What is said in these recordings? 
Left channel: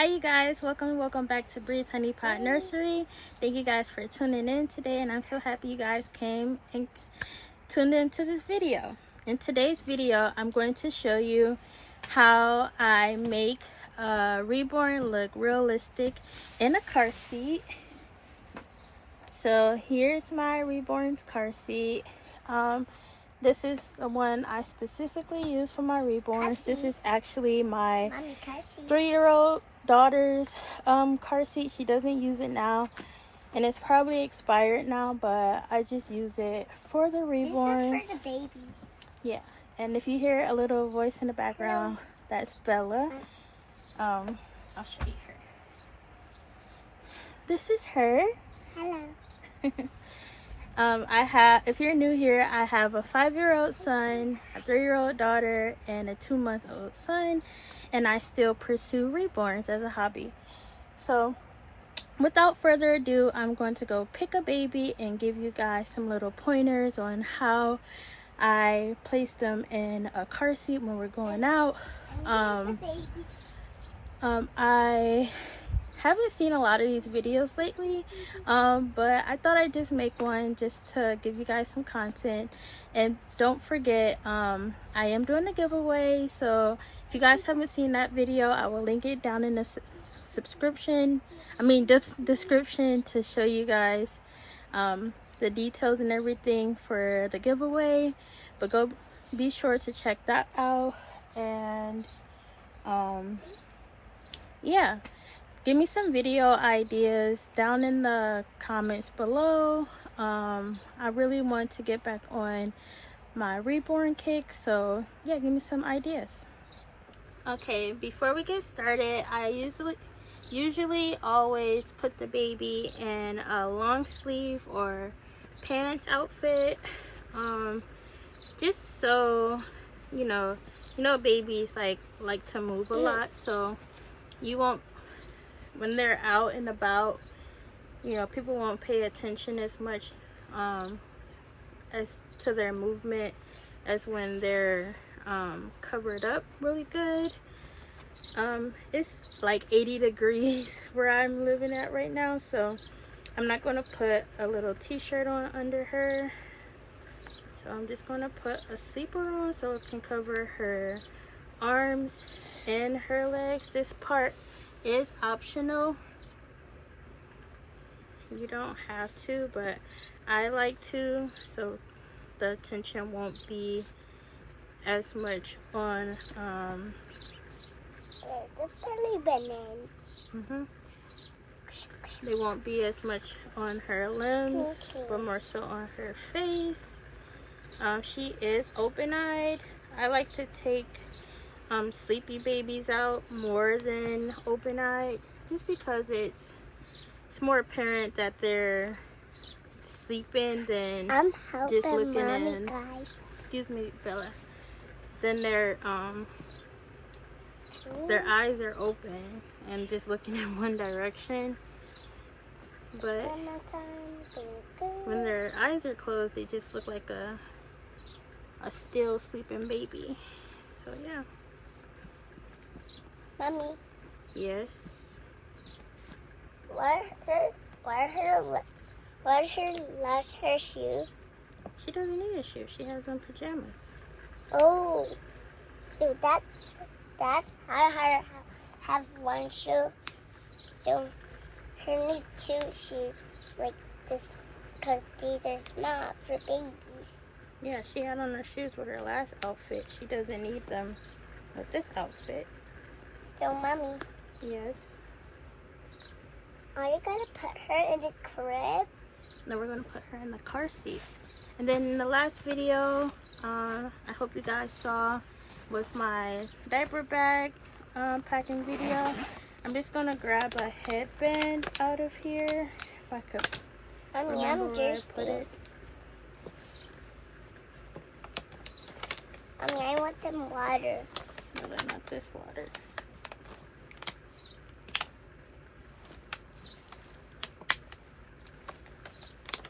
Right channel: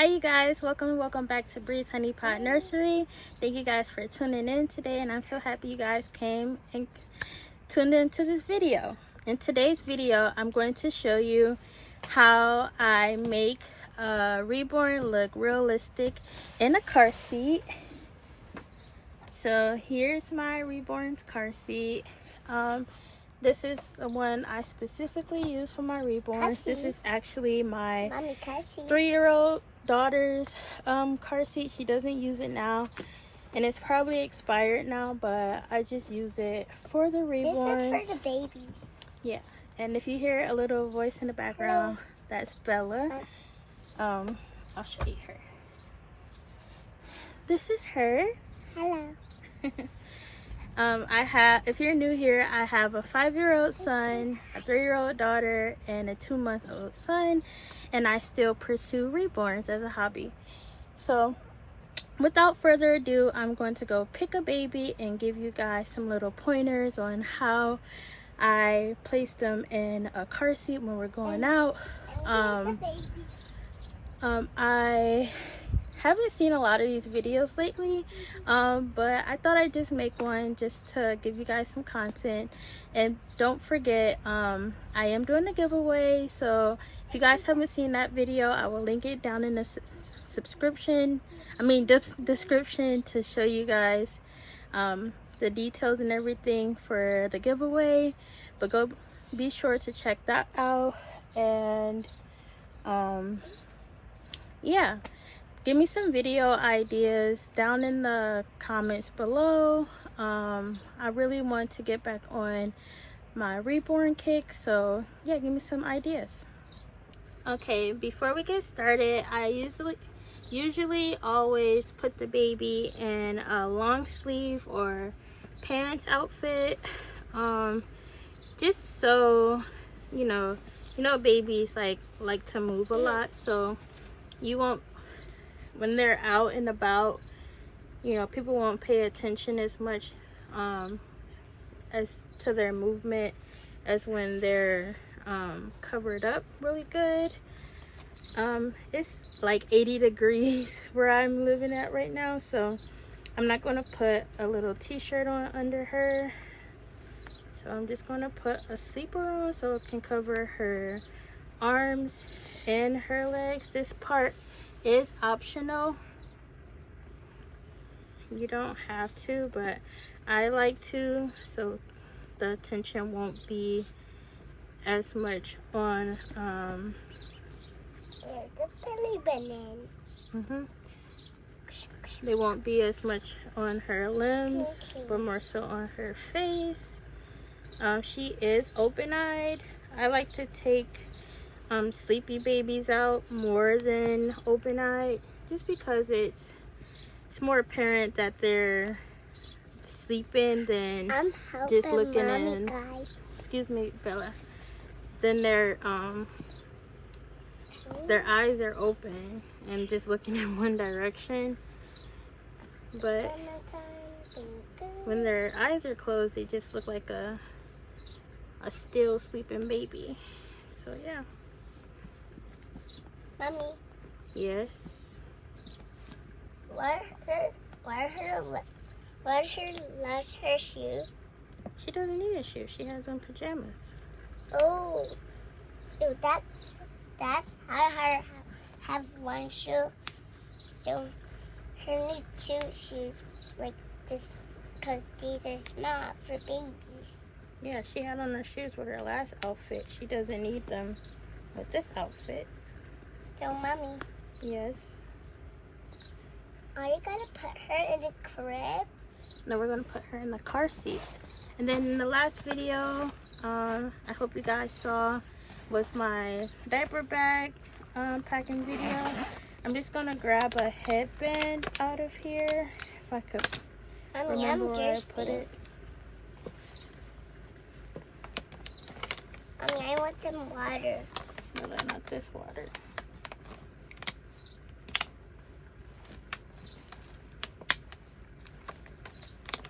Hi you guys, welcome back to Bree'shoneypotnursery. Thank you guys for tuning in today, and I'm so happy you guys came and tuned into this video. In today's video, I'm going to show you how I make a Reborn look realistic in a car seat. So here's my Reborn's car seat. This is the one I specifically use for my Reborns. This is actually my 3-year-old daughter's car seat. She doesn't use it now, and it's probably expired now, but I just use it for the Reborns. This is for the babies. Yeah, and if you hear a little voice in the background, that's Bella. I'll show you her. This is her. Hello. If you're new here, I have a 5-year-old son, a 3-year-old daughter, and a 2-month-old son, and I still pursue Reborns as a hobby. So without further ado, I'm going to go pick a baby and give you guys some little pointers on how I place them in a car seat when we're going out. I haven't seen a lot of these videos lately, but I thought I'd just make one just to give you guys some content. And don't forget, I am doing a giveaway, so if you guys haven't seen that video, I will link it down in the description to show you guys the details and everything for the giveaway. But be sure to check that out. And yeah, give me some video ideas down in the comments below. I really want to get back on my Reborn kick, so yeah, give me some ideas. Okay, before we get started, I usually always put the baby in a long sleeve or pants outfit, just so you know babies like to move a lot, so you won't, when they're out and about, people won't pay attention as much as to their movement as when they're covered up really good. It's like 80 degrees where I'm living at right now, so I'm not going to put a little t-shirt on under her. So I'm just going to put a sleeper on so it can cover her arms and her legs. This part is optional. You don't have to, but I like to, so the tension won't be as much on they won't be as much on her limbs, but more so on her face. She is open-eyed. I like to take sleepy babies out more than open-eyed, just because it's more apparent that they're sleeping than just looking in. Guys. Excuse me, Bella. Then their eyes are open and just looking in one direction. But when their eyes are closed, they just look like a still sleeping baby. So yeah. Mommy. Yes. Where's her shoe? She doesn't need a shoe. She has on pajamas. Oh, dude, that's I have one shoe. So her need 2 shoes like this, because these are small for babies. Yeah, she had on her shoes with her last outfit. She doesn't need them with this outfit. So, Mommy. Yes. Are you gonna put her in the crib? No, we're gonna put her in the car seat. And then in the last video, I hope you guys saw, was my diaper bag packing video. I'm just gonna grab a headband out of here, if I could remember where I put it. I want some water. No, not this water.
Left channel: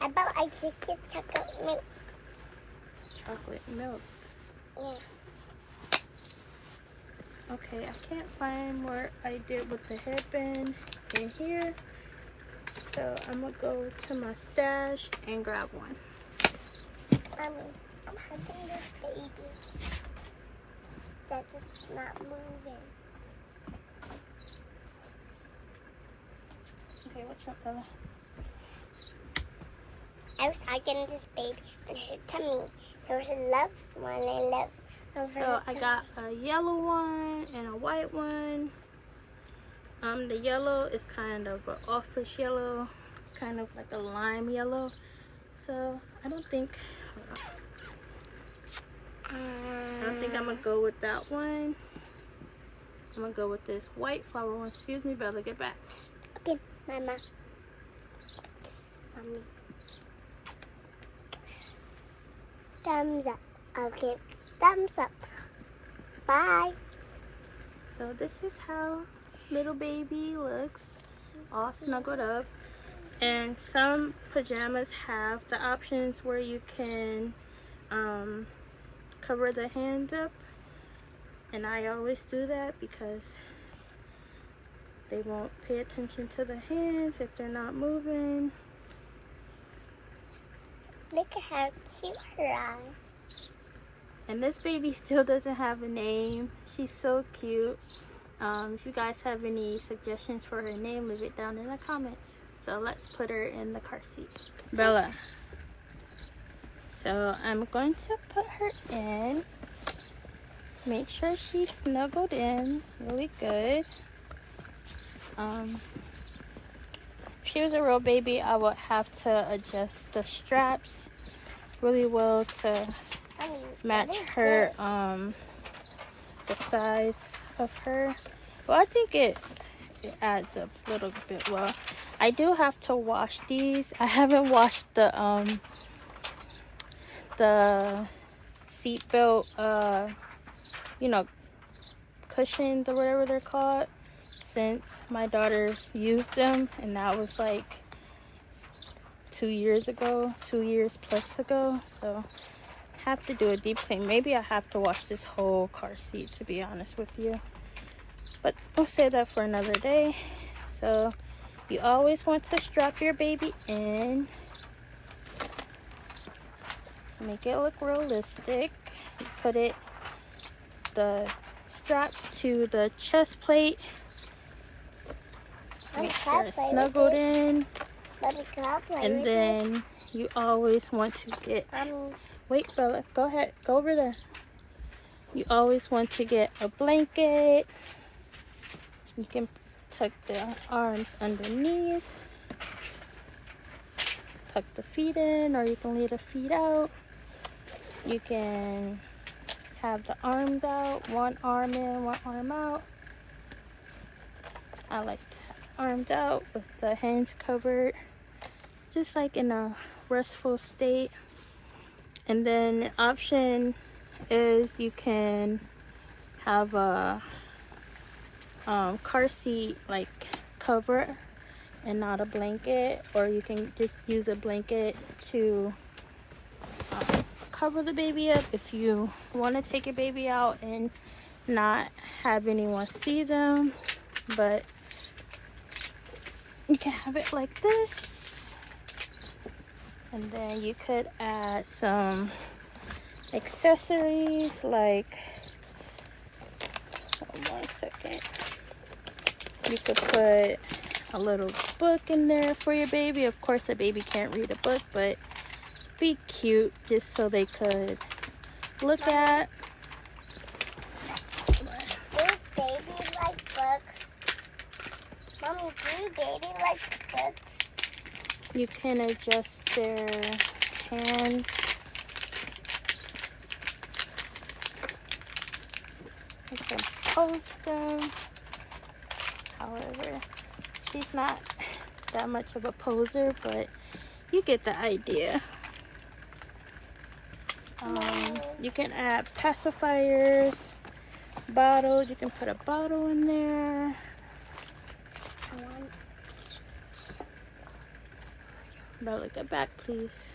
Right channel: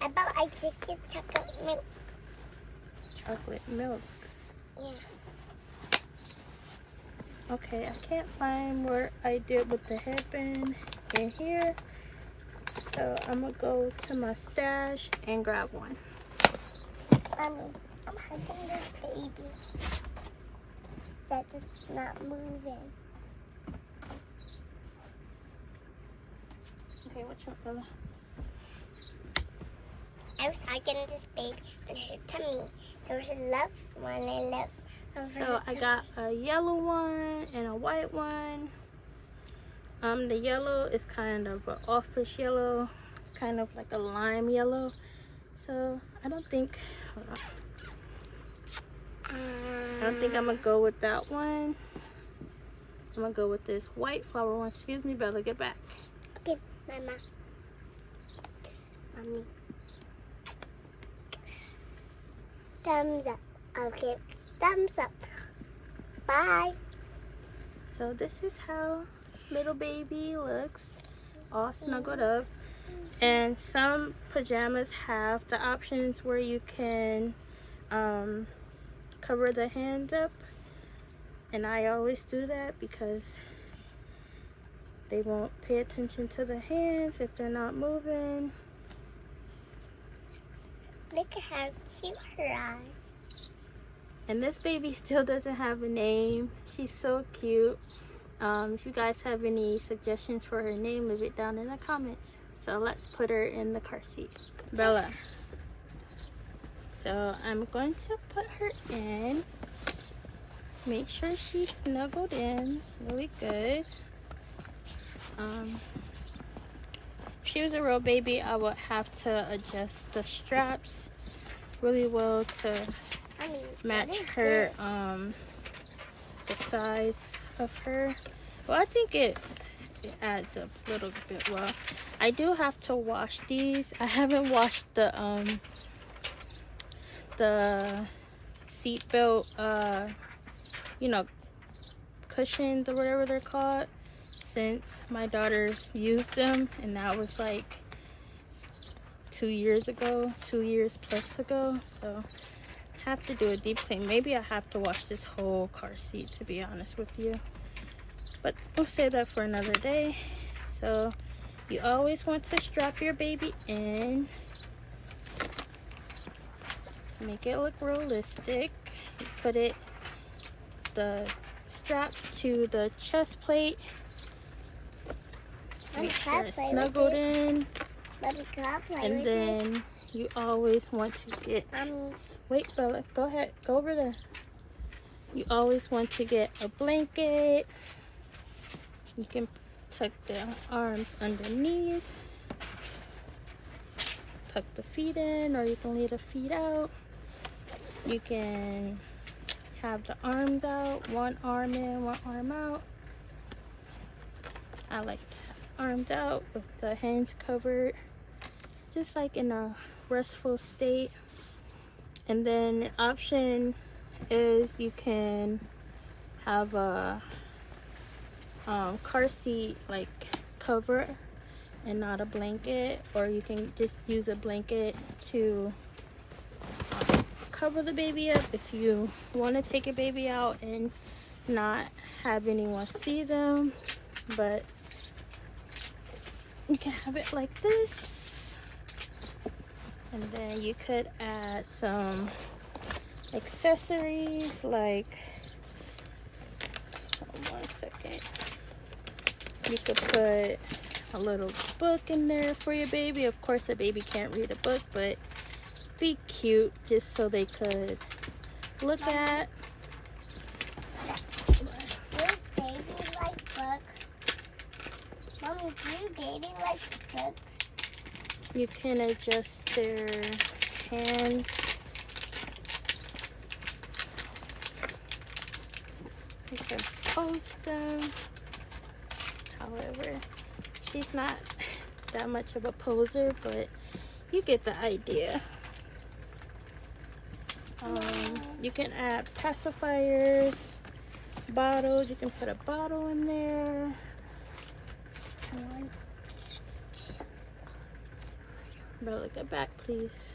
How about I just get chocolate milk? Chocolate milk? Yeah. Okay, I can't find where I did with the headband in here. So I'm gonna go to my stash and grab one. Mommy, I'm hugging this baby. That is not moving. Okay, watch out, Bella. I was hugging this baby and her tummy. So it's a love one. I love. So I got a yellow one and a white one. The yellow is kind of an office yellow. It's kind of like a lime yellow. So I don't think I'm gonna go with that one. I'm gonna go with this white flower one. Excuse me, Bella, get back. Okay, Mama. Mommy. Thumbs up. Okay, thumbs up. Bye. So this is how little baby looks, all snuggled up. And some pajamas have the options where you can cover the hands up, and I always do that because they won't pay attention to the hands if they're not moving. Look at how cute her eyes. And this baby still doesn't have a name. She's so cute. If you guys have any suggestions for her name, leave it down in the comments. So let's put her in the car seat. Bella. So I'm going to put her in. Make sure she's snuggled in really good. If she was a real baby, I would have to adjust the straps really well to match her, the size of her. Well, I think it adds up a little bit well. I do have to wash these. I haven't washed the seat belt, you know, cushions or whatever they're called, since my daughters used them, and that was like 2 years ago, 2 years plus ago. So have to do a deep clean. Maybe I have to wash this whole car seat, to be honest with you, but we'll save that for another day. So you always want to strap your baby in, make it look realistic. Put the strap to the chest plate, make sure it's snuggled in, and then you always want to get, wait Bella, go ahead, go over there. You always want to get a blanket. You can tuck the arms underneath, tuck the feet in, or you can leave the feet out. You can have the arms out, one arm in, one arm out. I like the arms out with the hands covered, just like in a restful state. And then the option is you can have a car seat like cover and not a blanket, or you can just use a blanket to cover the baby up if you want to take your baby out and not have anyone see them. But you can have it like this, and then you could add some accessories like, one second, you could put a little book in there for your baby. Of course the baby can't read a book, but be cute just so they could look at. Do babies like books? Mommy, do babies like books? You can adjust their hands. You can post them. However, she's not that much of a poser, but you get the idea. You can add pacifiers, bottles. You can put a bottle in there. But look at back, please.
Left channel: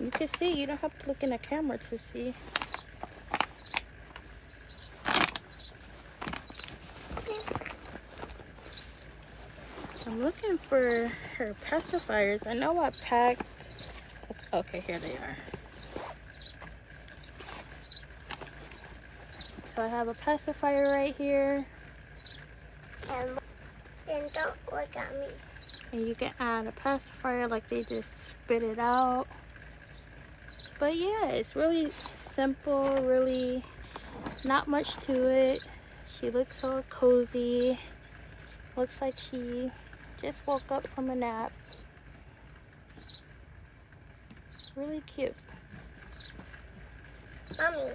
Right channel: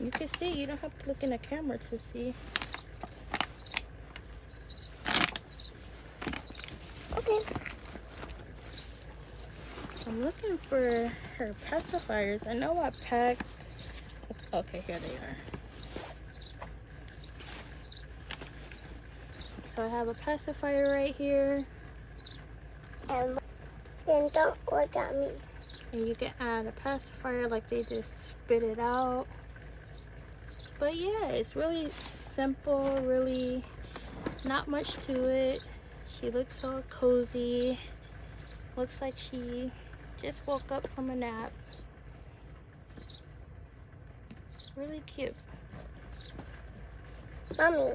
You can see. You don't have to look in the camera to see. looking for her pacifiers. I know I packed. Okay, here they are. So I have a pacifier right here. Then don't look at me. And you can add a pacifier, like they just spit it out. But yeah, it's really simple, really not much to it. She looks all cozy. Looks like she just woke up from a nap. Really cute. Mommy,